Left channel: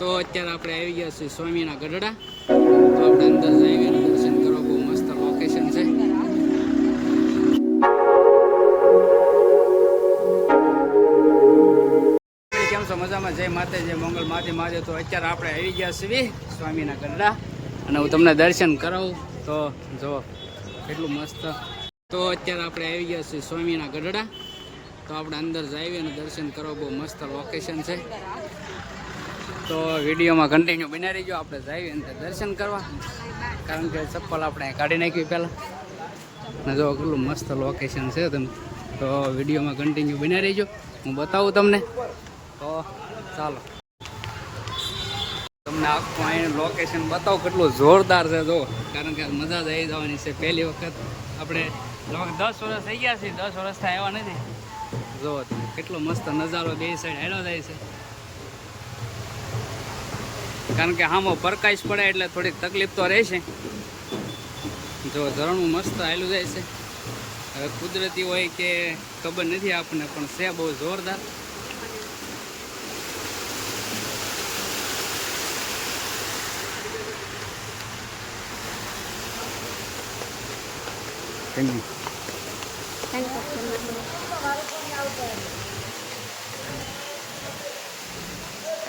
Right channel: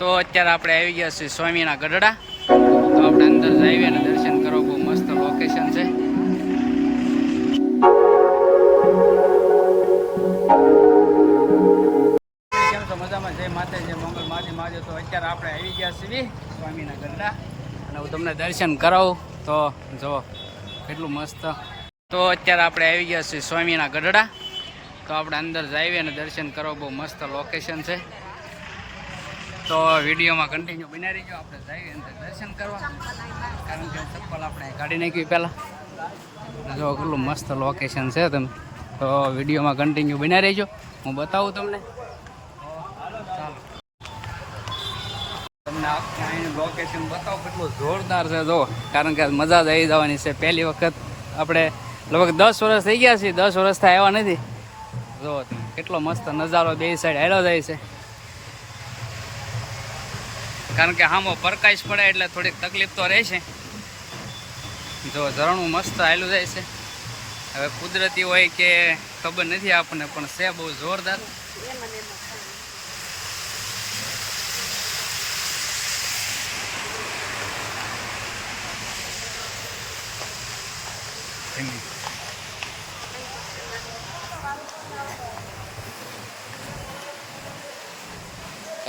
તો અત્યારે આપણે આવી ગયા છીએ સ્વામીના ગઢડા. તો આપણે અંદર જઈએ અને દર્શન કરો બહુ મસ્ત લોકેશન છે. કેમ છો? મજામાં? જય માતે જય મંગલ. માથી માજે. તો અત્યારે આપણે આવી ગયા છીએ સ્વામીના ગઢડા. અને હું તમને દર્શન કરાવું. તો જો કેટલું મસ્ત. તો અત્યારે આપણે આવી ગયા છીએ સ્વામીના ગઢડા. તો આપણે અંદર જઈએ અને દર્શન કરો બહુ મસ્ત લોકેશન છે. તો વિડીયોમાં કન્ટિન્યુ બની રહીજો. આપણે જઈએ અને દર્શન કરવા. કારણ કે ચપ્પલ આપણે કાઢી નાખી પહેલાં. જો કેટલું મસ્ત લોકેશન છે તમે. તો વિડીયોમાં કન્ટિન્યુ બની રહીજો. હું બતાવું તમને. તો ચાલો. તમને આખું અહીં લોકેશન બતાવો. કેટલું જોરદાર છે જો. કારણ કે મજા જ આવી જવાની છે. પહેલી વખત આપણે લગભગ દસ વર્ષ થઈ ગયા છીએ. દસ વર્ષથી આવ્યા નથી. જો તમે કેટલો મસ્ત નજારો બે સાઈડ હેલો જાય છે. કારણ કે હામો પરકાશ પડે એટલે થોડીક તકલીફ તો રહેશે. જો ઝરણું મસ્ત હાલું જાય છે. હવે કુદરતી હોય કે ખબર નથી આપણને, પણ છે બહુ જોરદાર. તેમ.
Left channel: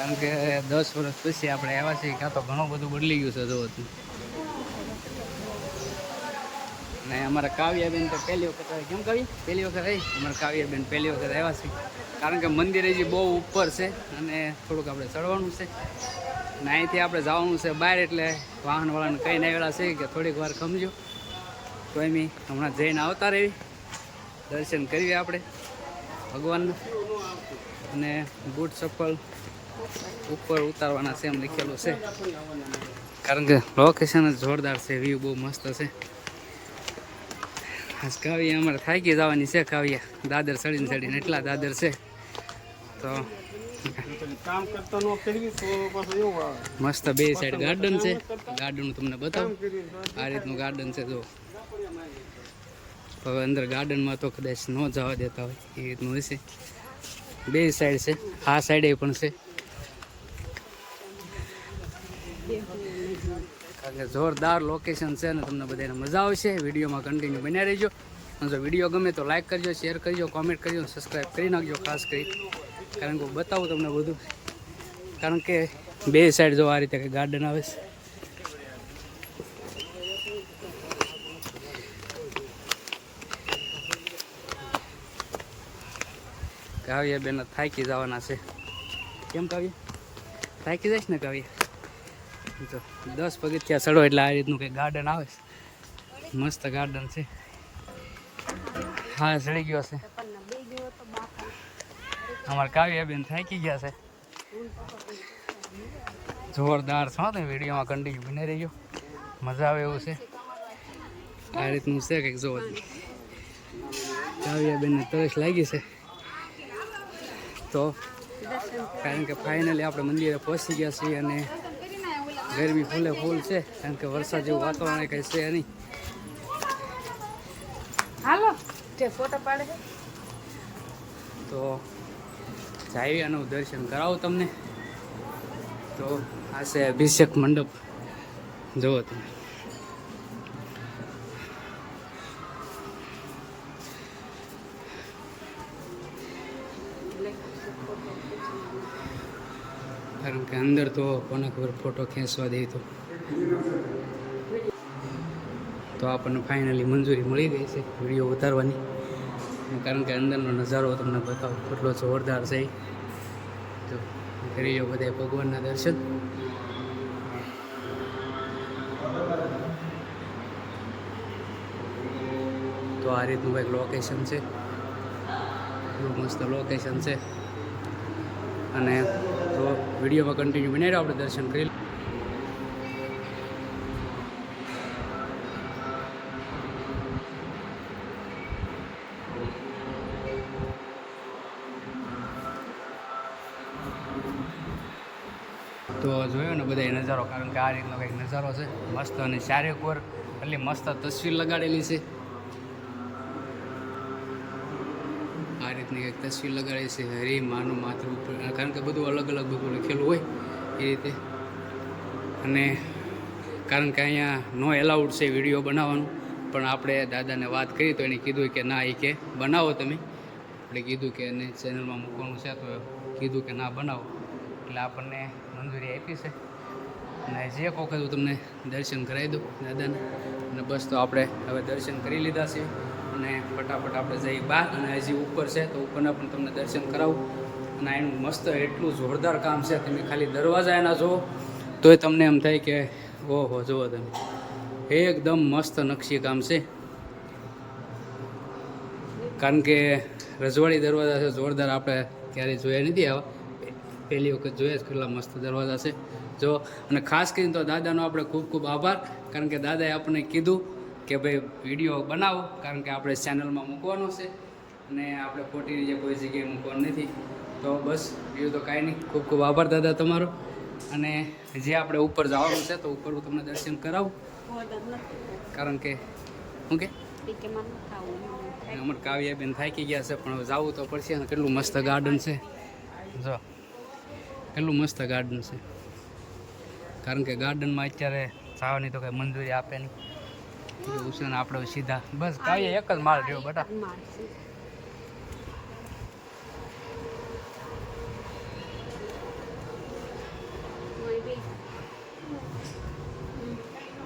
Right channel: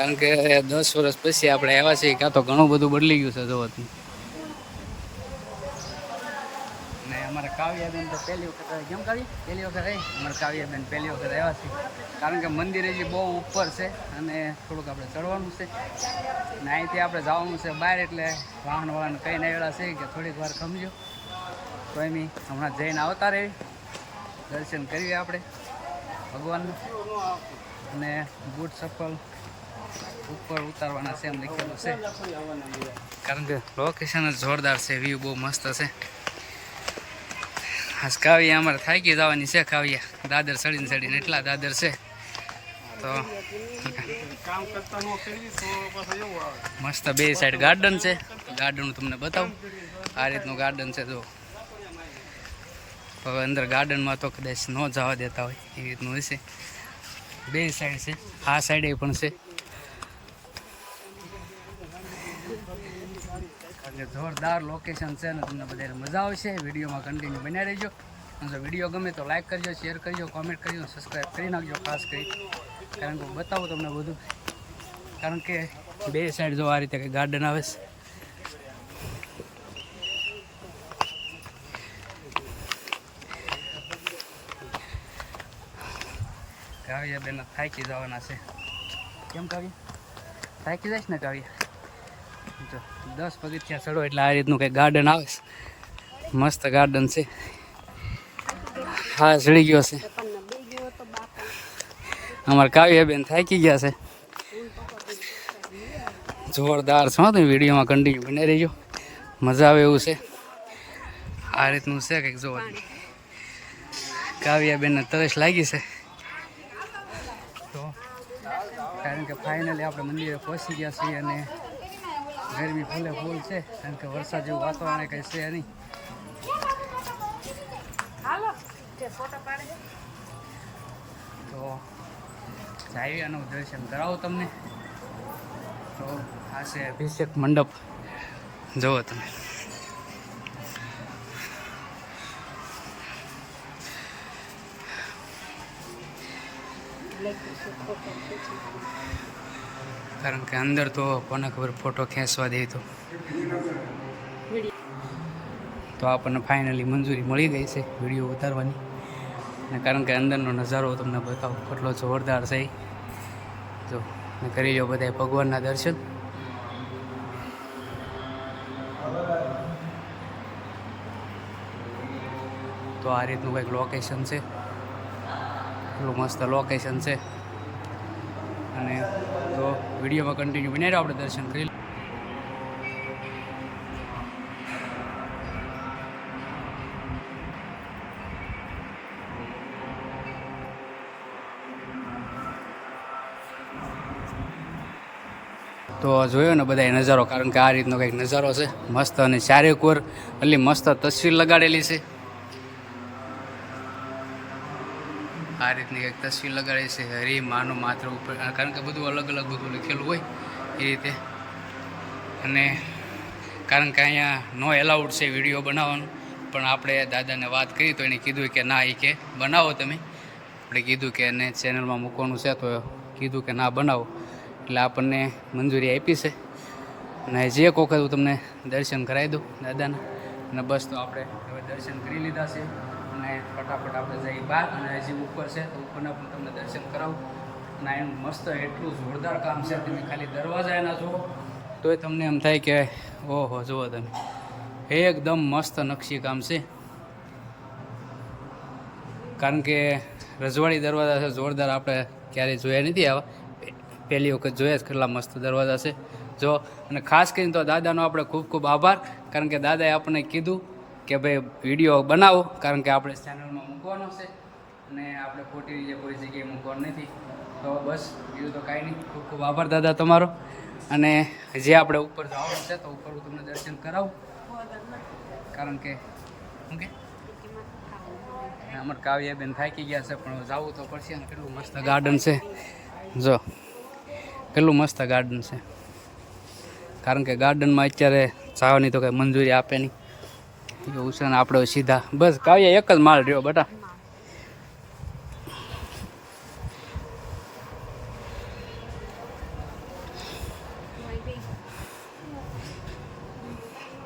કારણ કે દસ વર્ષ પછી આપણે આવ્યા છીએ કાં તો ઘણું બધું બદલી ગયું છે જોવાથી. ને અમારા કાવ્યાબેન તો પહેલી વખત કેમ કાવ્ય? પહેલી વખત આવી અમારા કાવ્યાબેન પહેલી વખત આવ્યા છે. કારણ કે મંદિર હજી બહુ ઉપર છે અને થોડુંક આપણે ચડવાનું છે. ને અહીંથી આપણે જવાનું છે બહાર એટલે વાહનવાળાને કહીને આવેલા છે કે થોડીક વાર ખમજો. તો એમ હમણાં જઈને આવતા રહેવી દર્શન કરીએ આપણે ભગવાનના. અને બૂટ ચપ્પલ ઉપર ઉતારવાના છે એમ લખેલું છે. કારણ કે લોકેશન જ જોરદાર છે વ્યૂ બહુ મસ્ત છે. આજ કાવ્યા અમારે થાકી જવાની છે કાવ્યા. દાદર ચડીને ચડીને એટલા દાદર છે. તો મસ્ત બે સાઈડ ગાર્ડન છે. ગાર્ડન હું તમને બતાવું. આ રીતનું ગાર્ડન છે જો હવે અંદર ગાર્ડનમાં તો કદાચ ન જવા દેતા હોય, એ રીતનું હશે. બે સાઈડ છે. આ સાઈડે પણ છે. એટલે જોરદાર લોકેશન છે અને તમને બધાને મજા આવશે. વિડીયોમાં કન્ટિન્યુ બન્યા રહેજો. અને જો વીડિયો ગમે તો લાઇક કરજો શેર કરજો કોમેન્ટ કરજો સબસ્ક્રાઈબ કરી નાખજો ખાસ કરી. કારણ કે હું બતાવું તમને બધું. કારણ કે બે સાઈડ જો આ રીતે કંઈ ગાર્ડન આવે છે. કાવ્ય બેન થાકી જવાના છે. કેમ કાવ્ય? થાકી જઈશ ને કાવ્ય? જો દસ પગથિયા ચડો એટલે આ રીતનું કંઈક ગાર્ડન આવે મસ્ત ગાર્ડન છે. હા, ચડી ગયો છે. અમારા કાવ્યાબેન થાકી ગયા છે. જોરદાર છો તમે વિડીયોમાં કન્ટિન્યુ બની રહીજો. મજા આવે એવું છે. આ રીતનું છે કંઈક જોવા કાવ્યાબેનને તરસ લાગી છે. તો કારણ કે ફાઇનલી આપણે મંદિરે પહોંચી ગયા છીએ અને ગરમી ફૂલે ફૂલ છે કારણ કે વરસાદ જેવું વાતાવરણ કઈ છે નહીં. તો જઈએ અને હું દર્શન કરાવું તમને. તો આ છે અભિષેક મંડપ. જુઓ તમે. કારણ કે અંદર તો કોને ખબર ફોટો ખેંચવા દે તો. તો આપણને ફાઇનલી મંજૂરી મળી ગઈ છે વીડિયો ઉતારવાની. અને કારણ કે અંદરનો નજારો તમને બતાવો, કેટલો જોરદાર છે. તો કરી લો બધા ભગવાનના દર્શન. તો આ રીતનું કંઈક લોકેશન છે. એટલું મસ્ત લોકેશન છે. અને વિડીયોમાં કન્ટિન્યુ બનાવી આપણે દર્શન કરી. તો જોયો ને બધા નજારો, કારણ કે આ રીતનો કંઈક નજારો છે. મસ્ત અને ચારેક વાર એટલી મસ્ત તસવીર લગાડેલી છે. આ રીતની એક તસવીર લગાડી છે, હરી, માનું માત્ર ઉપર. કારણ કે બધું અલગ અલગ બધું લખેલું હોય એ રીતે. અને કારણ કે અહીંયા નો એલાઉડ છે વીડિયો બનાવવાનું. પણ આપણે દાદાને વાત કરી તો એને કીધું કે ના, એ કે બનાવો તમે. આપણે કીધું કે એને ચેનલમાં મૂકવાનું છે તો કીધું કે ના, બનાવો. એટલે આપણને મંજૂરી આપી છે. અને જે એક હું તમને દર્શન કરાવી દઉં દાદાના. અને બસ તો આપણે હવે દર્શન કરી લીધા છે. અને ફટાફટ આપણે જઈએ બહાર અને હજી ઉપર છે તો ઉપરના પણ તમને દર્શન કરાવું. અને એનું મસ્ત એટલું જોરદાર કામ છે તમે ખાલી દરવાજા એના જુઓ. તોય તમને એમ થાય કે, ઓહો, જુઓ તમે. એકદમ મસ્ત નકશી કામ છે. કારણ કે રજવાડી દરવાજા છે, જોરદાર આપણે ક્યારેય જોયા નથી આવા. પહેલી વખત જોયા જ કેટલા મસ્ત દરવાજા છે. જો, અને ખાસ કરીને તો દાદાનો આપણે ખૂબ ખૂબ આભાર, કારણ કે દાદાએ આપણને કીધું કે ભાઈ વીડિયો બનાવો, કારણ કે આપણે ચેનલમાં મૂકવાનો છે અને આપણે ખોટી રીતે કોઈ જગ્યાએ મૂકવાનું નથી. તો બસ, બીજું તો કાંઈ નહીં. ખૂબ ખૂબ આભાર દાદા તમારો. અને જે આપણે ઉપર જવાનું છે, તો ઉપર હું તમને દર્શન કરાવું. કારણ કે, શું કે? અમારે કાવ્યાબેન થાકી ગયા છે, પણ જવું તો પડશે કેટલું મસ્ત ગાર્ડન છે. જો, કેટલું મસ્ત ગાર્ડન છે. કારણ કે ગાર્ડનમાં અત્યારે જવાની તો કંઈ મંજૂરી આપે નહીં. તો ઉષાને આપણે સીધા. બસ, કાવ્યા એક જ માલ રહ્યો, બટા.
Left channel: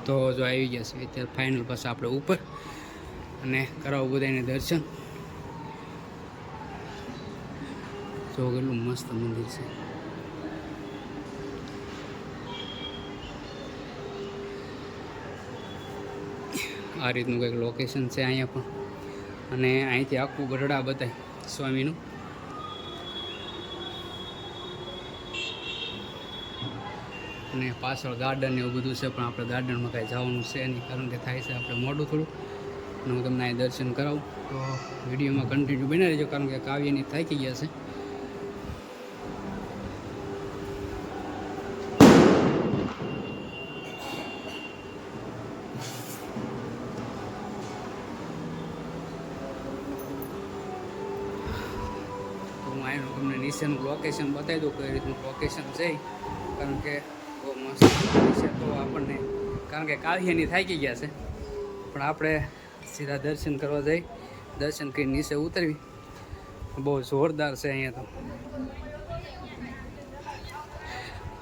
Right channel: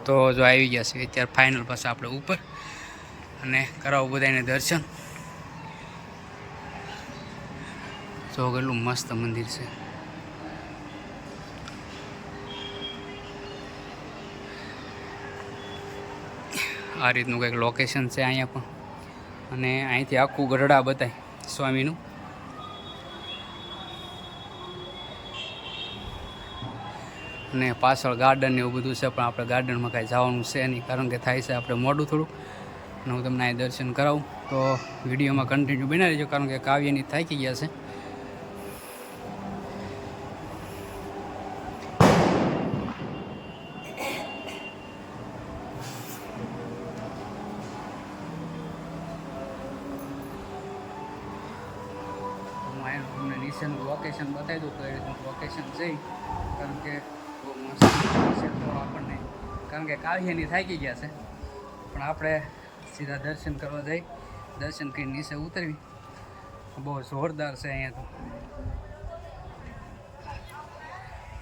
તો જો આવી ગયા છે, અત્યારે ફાઇનલ પાસે આપણે ઉપર. અને કરાવું બધાને દર્શન. જો કેટલું મસ્ત મંદિર છે. આ રીતનું કંઈક લોકેશન છે અહીંયા પણ. અને અહીંથી આખું ગઢડા બતાય સ્વામીનું. અને પાછળ ગાર્ડન એવું બધું છે, પણ આપણે ગાર્ડનમાં કાંઈ જવાનું છે નહીં, કારણ કે થાય છે આપણે મોડું થોડું. અને હું તમને અહીં દર્શન કરાવું. તો વિડીયોમાં કન્ટિન્યુ બનાવી દેજો કારણ કે કાવ્યની થાકી ગયા છે. હું તમને નીચેનું લોકેશન બતાવી દઉં કઈ રીતનું લોકેશન છે કારણ કે બહુ મસ્ત છે તો આપણને, કારણ કે કાવ્યની થાકી ગયા છે. પણ આપણે સીધા દર્શન કરવા જઈ, દર્શન કરી નીચે ઉતરવી. બહુ જોરદાર છે અહીંયા તો.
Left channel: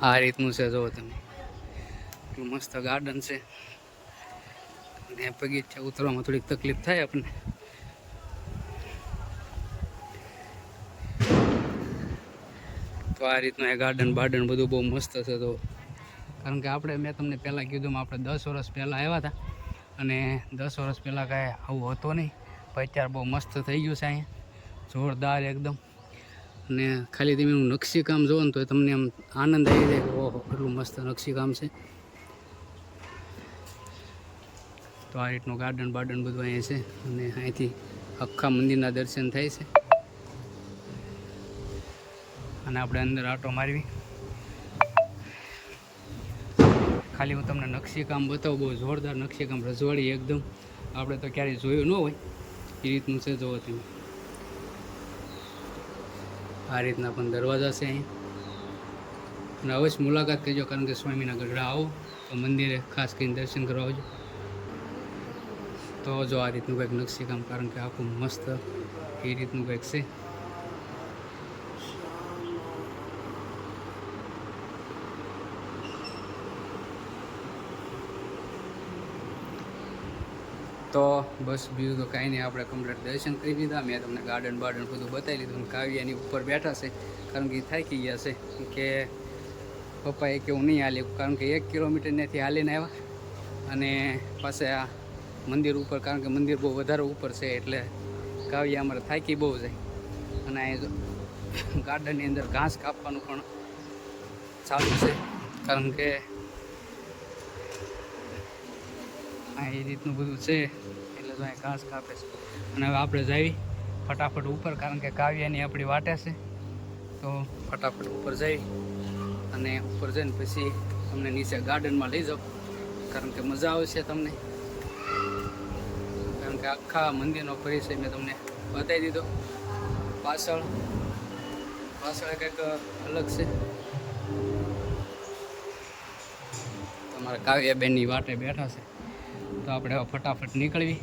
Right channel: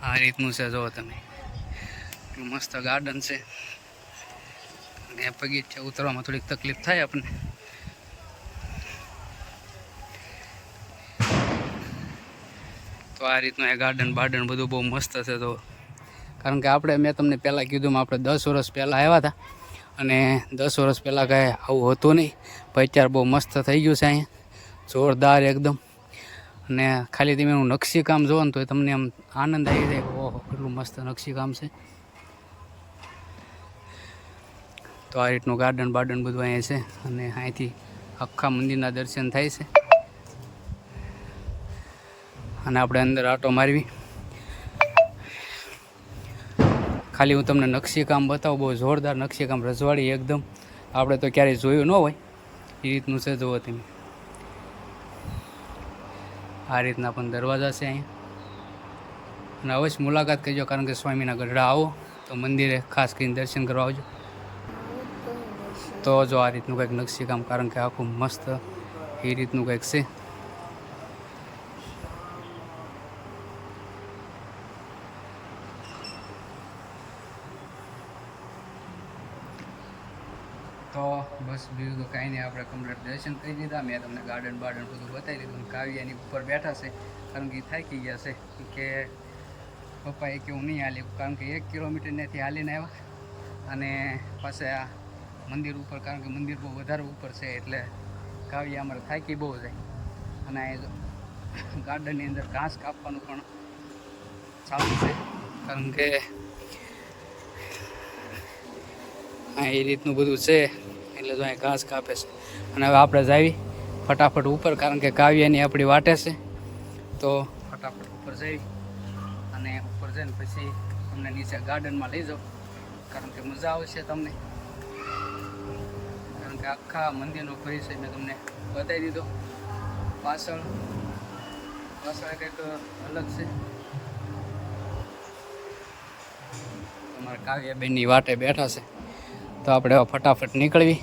આ રીતનું છે જુઓ તમે. એટલું મસ્ત ગાર્ડન છે. અને પગીચા ઉતરવામાં થોડીક તકલીફ થાય આપણને. તો આ રીતનું એ ગાર્ડન બાર્ડન બધું બહુ મસ્ત છે તો કારણ કે આપણે મેં તમને પહેલાં કીધું આપણે દસ વર્ષ પહેલાં આવ્યા હતા અને દસ વર્ષ પહેલાં કાંઈ આવું હતું નહીં, પણ અત્યારે બહુ મસ્ત થઈ ગયું છે અહીંયા. જોરદાર એકદમ. અને ખાલી તમે હું નકશી કામ જોવો ને તો તમને આમ આનંદ આવી જાય કે ઓહો, કેટલું મસ્ત નકશી છે. તો આ રીતનું ગાર્ડન બાર્ડન બધું અહીંયા છે અને અહીંથી આખા મંદિરના દર્શન થાય છે. અને આપણે અંદર આટો મારવી. ખાલી હું તમને નકશીકામ બતાવું, બહુ જોરદાર નકશીકામ, રજવાડી એકદમ. આપણે તો ક્યારેય જોયું ન હોય. એ રીતનું છે જોવો તમે. આ રીતના પણ દરવાજા છે અહીંયા. અને અવશ્ય મુલાકાત કરજો, કારણ કે સ્વામીના ગઢડા આવો, તો મંદિરે ખાસ કરીને દર્શન કરવા આવજો. તો જો આ રીતનું કંઈક નકશીકામ, કારણ કે આખું મસ્ત એ રીતનું કંઈક છે. તો બસ બીજું તો કાંઈ નહીં, આપણે કમ્પ્લીટ દર્શન કરી લીધા. મેં તમને ગાર્ડન બાર્ડન બધું બતાવી લીધું. કાવ્યાની ઉપર બેઠા છે, કારણ કે થાકી ગયા છે. કે પપ્પાએ કેવું નહીં હાલી, કારણ કે એક કિલોમીટર ત્યાંથી હાલીને આવ્યા. અને પાસે આ મંદિર ઉપર, કારણ કે મંદિર બહુ વધારે ઉપર છે, એટલે કાવ્ય અમારે થાકી બહુ જાય. અને ગાર્ડનની અંદર ઘાસ કાપવાનું પણ સારું છે. કારણ કે હા એ રીતનું બધું છે. એટલે તો અહીં ઘાસ કાપે છે. અને હવે આપણે જાવી ફટાફટ ઉપર, કારણ કે કાવ્યની આપણી વાટે છે. તો ફટાફટ ઉપર જઈ અને ઉપર જઈને પછી તમને નીચે ગાર્ડનમાં લઈ જાઉં. કારણ કે મજા આવશે તમને. કારણ કે આખા મંદિરનો પરિચય મેં તમને બતાવી દીધો. પાછળ પાછળ કંઈક અલગ છે. તમારા કાવ્યાબેનની વાટે બેઠા છે. તો આપણે હવે ફટાફટ નીકળવી.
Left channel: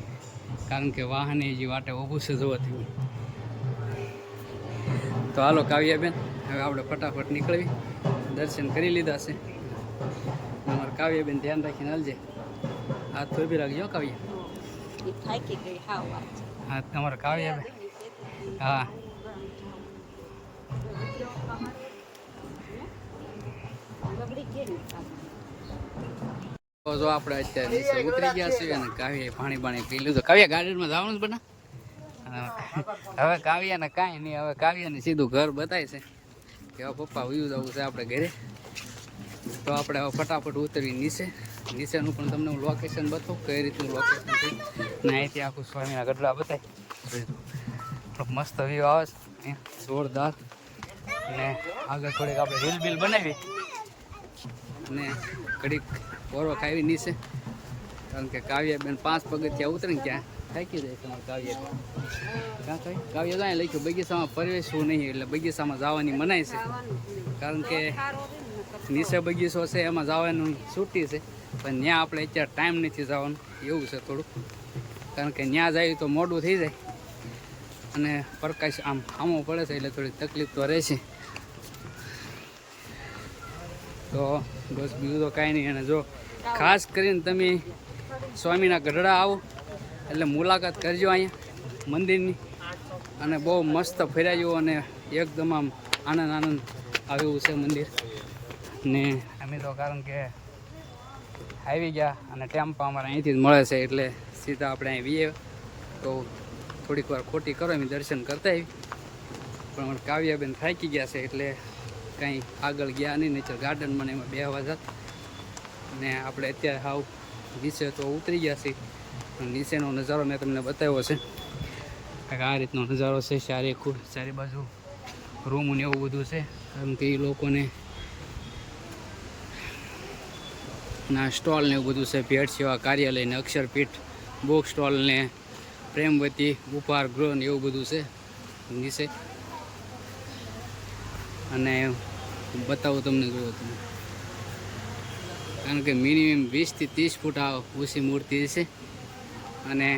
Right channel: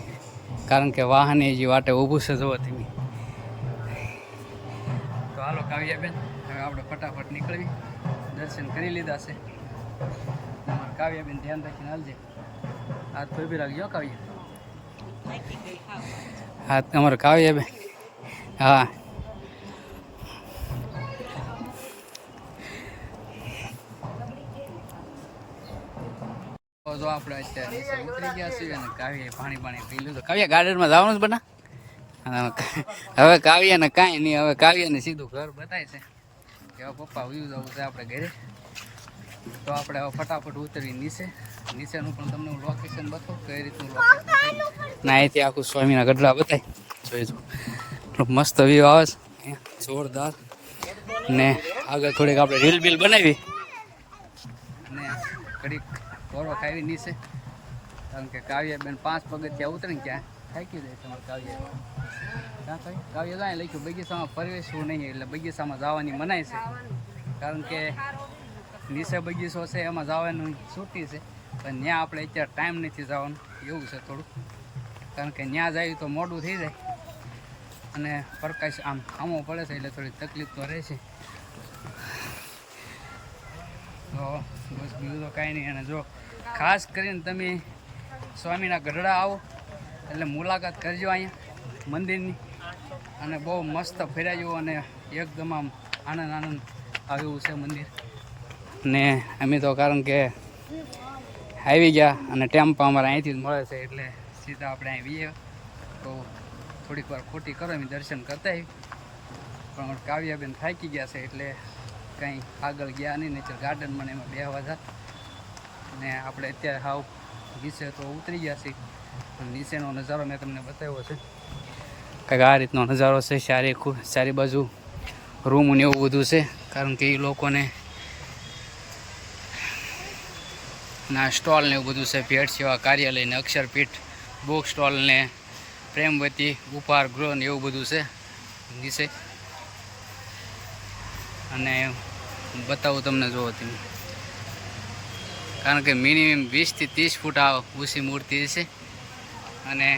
કારણ કે વાહન જે વાટે ઊભું છે જોવાથી તો હાલો કાવ્યાબેન હવે આપણે ફટાફટ નીકળવી. દર્શન કરી લીધા છે. તમારું કાવ્યાબેન ધ્યાન રાખીને હાલજે. હાથ થોભી રાખજો કાવ્ય. હા તમારું કાવ્યાબેન? હા. જો આપણે અત્યારે નીચે ઉતરી ગયા છીએ અને કાવ્યાએ પાણી પાણી પી લીધું. કાવ્યા ગાર્ડનમાં જવાનું જ બના? હવે કાવ્યાને કાંઈ નહીં, હવે કાવ્યાને સીધું ઘર બતાય છે. કે હવે પપ્પા વયું જવું છે આપણે ઘરે. તો આપણે હવે ફટાફટ ઉતરી નીચે. નીચેનું પણ તમને હું લોકેશન બતાવું કઈ રીતનું લોકેશન છે. ના અહીંથી આખું સ્વામીના ગઢડા બતાય. જોઈ જો મસ્ત વ્યૂ આવે છે. જોરદાર. ને આગળ થોડીક આપણે રીલ બિલ બનાવી. અને ઘડીક કોરો ખાવી નીચે કારણ કે કાવ્યાબેન પાંચ પગથિયા ઉતરે ને ક્યાં? થાકી જાય તમારે કાવ્ય ક્યાં કઈ કાવ્ય જાય લખ્યું, બગીચામાં પ્રવેશવું નહીં, એટલે બગીચામાં જવાની મનાય છે. કારણ કે નીચે બગીચો છે, એમાં જવાનું છૂટી છે. પણ ત્યાં આપણે અત્યારે ટાઈમ નથી જવાનું. એવું છે થોડું કારણ કે ત્યાં જાય તો મોડું થઈ જાય. અને પ્રકાશ આમ ખામો પડે છે, એટલે થોડી તકલીફ તો રહેશે. તો બસ બીજું તો કાંઈ નહીં. અને જો ખાસ કરીને તમે સ્વામીના ગઢડા આવો, એટલે મુલાકાત કરજો અહીંયા મંદિરની. અને બહુ મસ્ત ફેરાયું અને એકદમ આમ આનંદ આનંદ આવ્યું છે મંદિર. ને અમે તો કારણ કે આવી ગયા અને ટેમ્પા અમારે અહીંથી જ મળે છે, એટલે સીધા આપણે અહીં વીએ. તો થોડીક વાર ખોટી કરો એમ દર્શન કરતા આવી પણ અમારે કાવ્યાબેન થાકી ગયા છે, એટલે કંઈ આગળ ગયા નહીં, નહીતર ગાર્ડનમાં મને એમાં બે જાત. ને આપણે અત્યારે હાવ નીચે તો ઉતરી ગયા છીએ. પણ નીચેનો નજારો મેં તમને બતાવ્યો છે. કંઈક આ રીતનો નજારો છે સારી સારી બાજુ રૂમ ને એવું બધું છે. કારણ કે એ લોકોને ના સ્ટોલ ને એવું બધું છે, ભેટ સેવા કાર્યાલય ને અક્ષરપીઠ બુક સ્ટોલ ને પ્રેમવતી ઉપહાર ગૃહ ને એવું બધું છે. નીચે. અને બતાવું તમને જોવો તમે. કારણ કે મિનિમમ વીસથી ત્રીસ ફૂટ આ ઊંચી મૂર્તિ છે. અને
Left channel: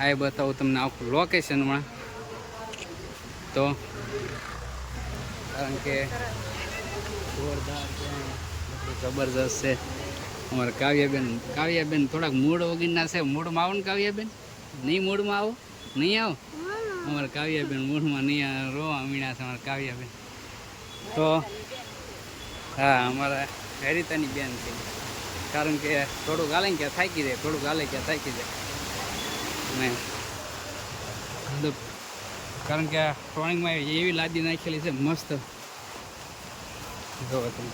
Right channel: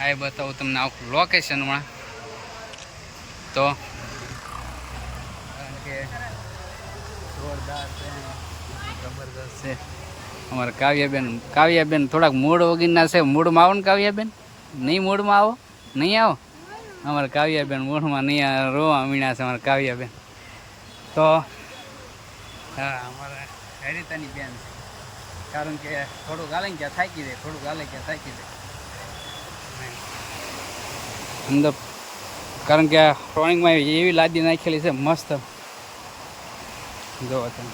આ બતાવું તમને આખું લોકેશનમાં તો કારણ કે જોરદાર છે જબરદસ્ત છે. અમારા કાવ્યાબેન કાવ્યાબેન થોડાક મૂડ વગીરના છે. મૂડમાં આવો ને કાવ્યાબેન. નહીં મૂડમાં આવો? નહીં આવો? અમારા કાવ્યાબેન મૂળમાં નહીં આવે રોવા મીણા છે અમારા કાવ્યાબેન. તો હા, અમારા હેરિતાની બેન છે. કારણ કે થોડુંક હાલે ક્યાં થાકી જાય, થોડુંક હાલે ક્યાં થાકી જાય. અંદર કારણ કે આ ડ્રોઈંગમાં એવી લાદી નાખેલી છે, મસ્ત. જોવો તમે.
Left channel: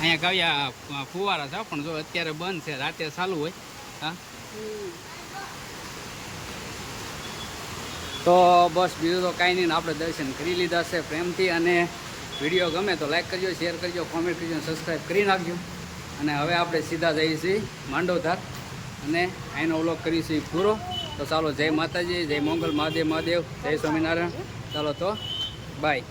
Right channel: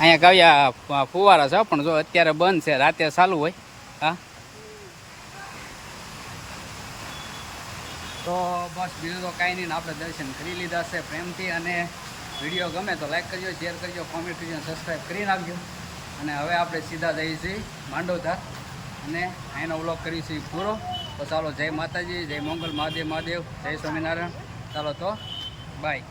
અહીંયા કાવ્યા ફુવારા છે પણ જો અત્યારે બંધ છે, રાતે ચાલુ હોય. હા? તો બસ બીજું તો કાંઈ નહીં આપણે દર્શન કરી લીધા છે પ્રેમથી અને વીડિયો ગમે તો લાઇક કરજો શેર કરજો કોમેન્ટ કરજો સબસ્ક્રાઈબ કરી નાખજો. અને હવે આપણે સીધા જઈએ છીએ માંડવધાર. અને અહીંનો વ્લોગ કરીશું પૂરો. તો ચાલો જય માતાજી, જય મંગલ, મહાદેવ મહાદેવ, જય સ્વામિનારાયણ. ચાલો તો બાય